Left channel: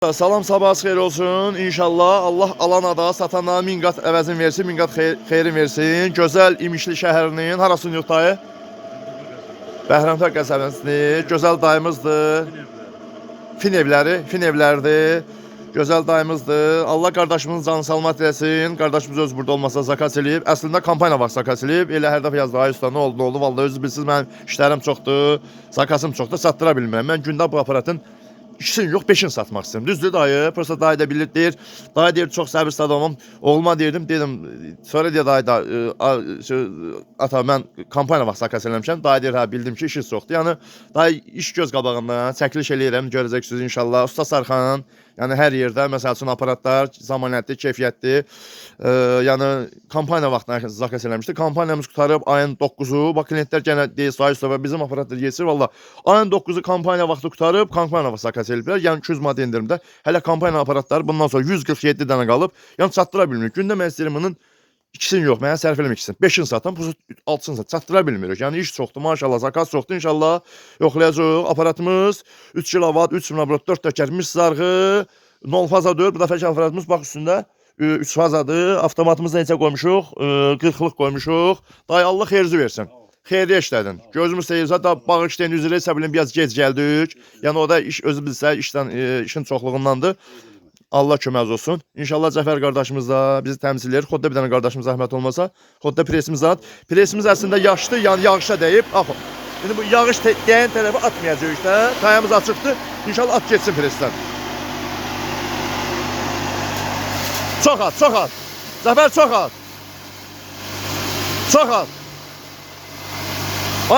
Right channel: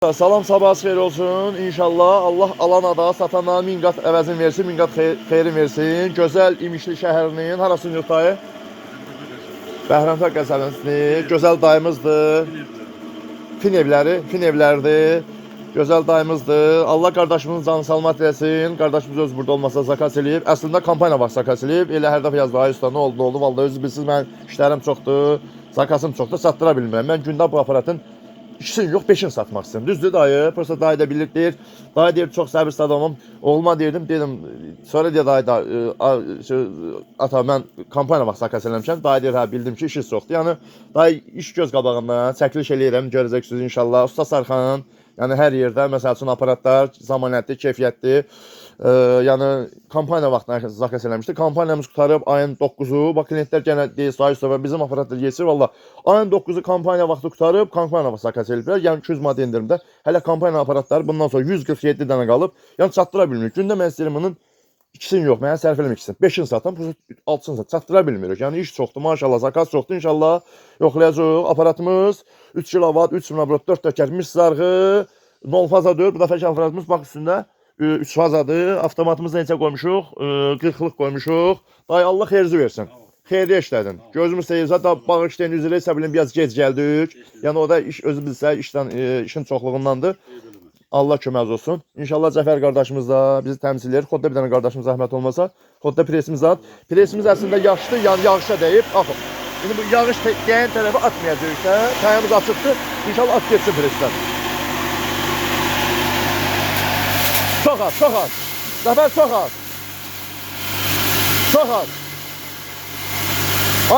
Salam, sabahınız xeyir olsun. İnşallah Allah alana da satana min qat əvəzin versin, min qat xeyrin versin. Gözəl İmişli şəhərinin harasının yox dayı? Bəhrəmtər qəsəbəsidir. Gözəl dayımızdır. Fin evlərdir. Gözəl dayımızdır. Allah qardaşımızın canı salmat eləsin. Qardaşımız öz burada olmasa zakas eləyib. Əslində kampanya vaxt zakas eləyib. Elə hər dəfə yazdı, ay usta, nə oldu? Vallahi özünüz bilirsiniz, mənim işlərim çoxdur, zakasım çoxdur, satdıra bilmirəm. Mən gündə bu aparatın İkisini yox, 5'ini satmaq istəyirəm. Düzdür dayı, prosta dayı da bilir, deyir. Dayı deyir, çox səbirsiz adamım. Oğluma dedim, sonra deyir dayı da, ata mən kampanya vaxt zakas eləmişəm. Dayı deyir, hə, bildim ki, işiniz çoxdur. Yəni, dayı iş göz qabağından, çəkiliş eləyirəm, görəcəksiniz inşallah. Usta Sarxan, yəni hər yerdə, məsəl üçün aparatlar, zamanətli, keyfiyyətli. Yəni kampanya vaxtında zakas eləmişdi. Kampaniyamız qutarıb ayın 9'u. Bax klientlər yenə deyir, sayı üstə bizim aparatlar yesir valla. Ayın 9'u kampanya vaxtı qutarıb, kampanya vaxtı zakas eləyiblər. Yəni 200 manat endirimdə. Hələ kampanya aparatları bundan sonra 147 dənə qalıb. Yəni çatdıra bilmirik. Gündə mən istəyirəm bunun ikisini yox, mənə sərf eləmək ikisini. 5'ini satan, bu 6'sını satan. Çatdıra bilmirik. Yəni iş çoxdur, maşallah, zakas çoxdur. İnşallah yoxlayacaq. Aparatımız 3 kW, 3 mW, 4 tökər, mis sarğı, 0 faza 4. Bu dəfəki aparatımız bax üstündə 3 fazadır. Avtomatımızda neçə qoymuşuq? 40'lıq qoymuşuq. Dayı Allah xeyirci versin. Xeyirli işlədin. Gözümüz seyirsə, da bağışlayın üzrə isə bilin, biraz gec gəldik. Yəni o da iş özü bilsə, işin çoxluğundandır. Allah köməz olsun. İnşallah Cəfər qardaşımız da bizi təmsil edir. Xodda bir dənə qardaşımız zəhmət olmasa. Xodda presimiz at. Presimiz əslində yaşlı, yəni yağışa dəyib. Baxın. İndi bu yağış dəyən tərəfə atmayacaq işte. Tayamız açıqdır. İnşallah at getsin presdən. Çok az, çok az. Zafer çok az. Çok az.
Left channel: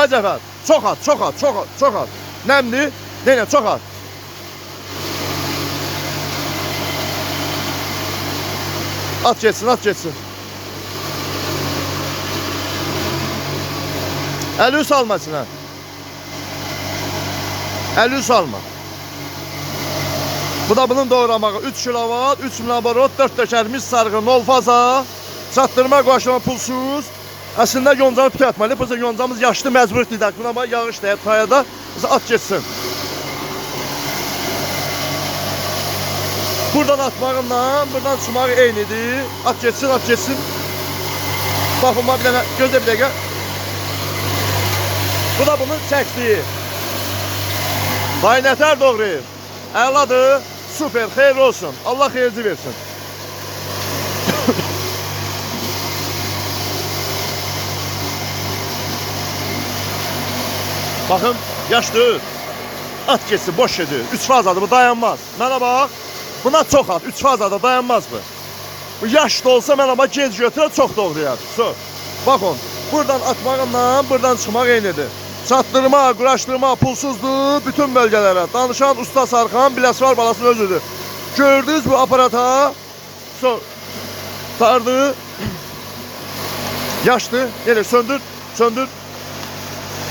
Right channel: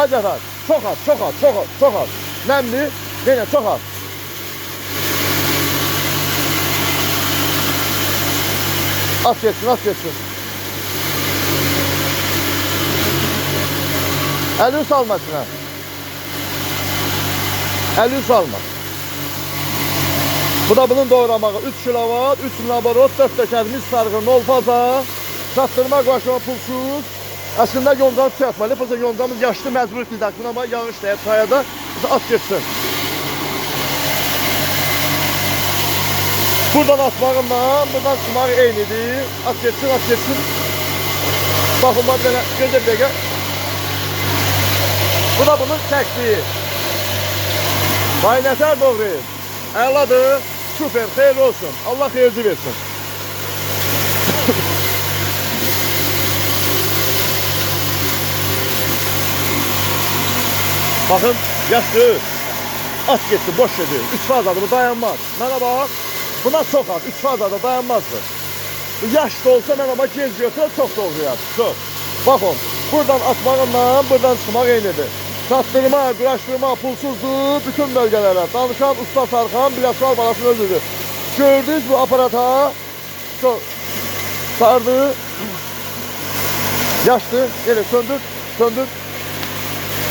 Ay Zafer, çok az, çok az, çok az, çok az. Nemli, nene çok az. At geçsin, at geçsin. Eli salmasın ha. Eli salma. Bu da bunun doğramağı 3 kW, 3 mW, 4 tökərmiş sarğı, 0 faza, çatdırma, qoşulma pulsuz. Əslində yoncanı tükətməli, biz yoncamız yaşlı məcbur dedik. Buna bax, yağış deyib tayada, biz at geçsin. Buradan atmağımla, buradan çıxmağı eynidir. At geçsin, at geçsin. Baxın, bax, gözə bir dəqiqə. Bu da bunun çəkdiyi. Baynətər doğru. Əladır, süper, xeyirli olsun. Allah xeyirci versin. Bakın, yaşlı. At geçsin, boş yedi. 3 fazadır, bu dayanmaz. Mənə bax, buna çok az, 3 fazada dayanmaz bu. Bu yaşlı olsa mənə bax, genç götürür, çok doğruyar. Çok. Bakın, buradan atmağımla, buradan çıxmaq eynidir. Çatdırma, quraşdırma pulsuzdur bütün bölgelere. Danışan Usta Sarxan Biləsuvar balasının özüdür. Gördünüz bu aparata. Sardı. Yaşlı. Yine söndür. Söndür.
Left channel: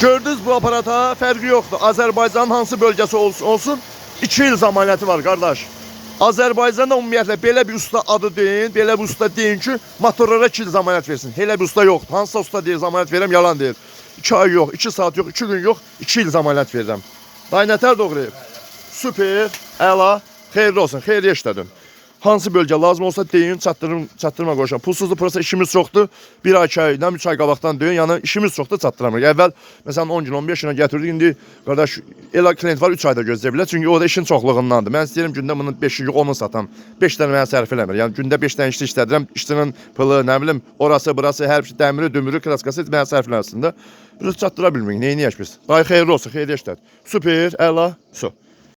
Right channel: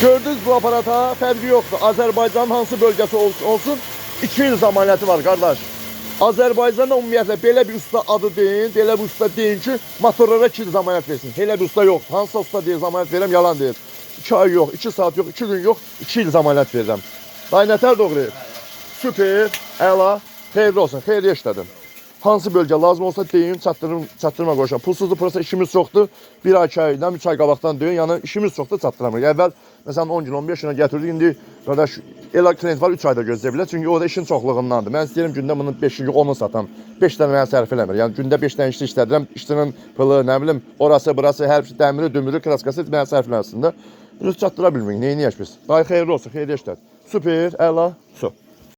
Gördünüz bu aparata fərqi yoxdur. Azərbaycanın hansı bölgesi olsun 2 il zamanəti var qardaş. Azərbaycanda ümumiyyətlə belə bir usta adı deyin, belə bir usta deyin ki, motorlara 2 il zamanət versin. Elə bir usta yoxdur. Hansısa usta deyir, zamanət verəm, yalan deyir. 2 ay yox, 2 saat yox, 2 gün yox, 2 il zamanət verirəm. Baynətər doğru. Süper, əla, xeyirli olsun, xeyirli işlədim. Hansı bölgə lazım olsa deyin, çatdırma qoşam. Pulsuzdur, prosta işimiz çoxdur. 1 ay, 2 aydan, 3 ay qabaqdan deyin, yəni işimiz çoxdur, çatdıramırıq. Əvvəl, məsələn 10 gün, 15 günə gətirdik, indi qardaş, elə klient var 3 ayda gözləyə bilər, çünki o da işin çoxluğundandır. Mən istəyirəm gündə bunun 5-ci, 10'unu satam. 5 dənə mənə sərf eləmir. Yəni gündə 5 dənə işçi işlədirəm, işçinin pılı, nə bilim, orası, burası, hər şey, dəmiri, dümürü, kraskası mənə sərf eləsin də. Biz çatdıra bilmirik, neyini yaş biz. Dayı xeyirli olsun, xeyirli işlər. Süper, əla, su.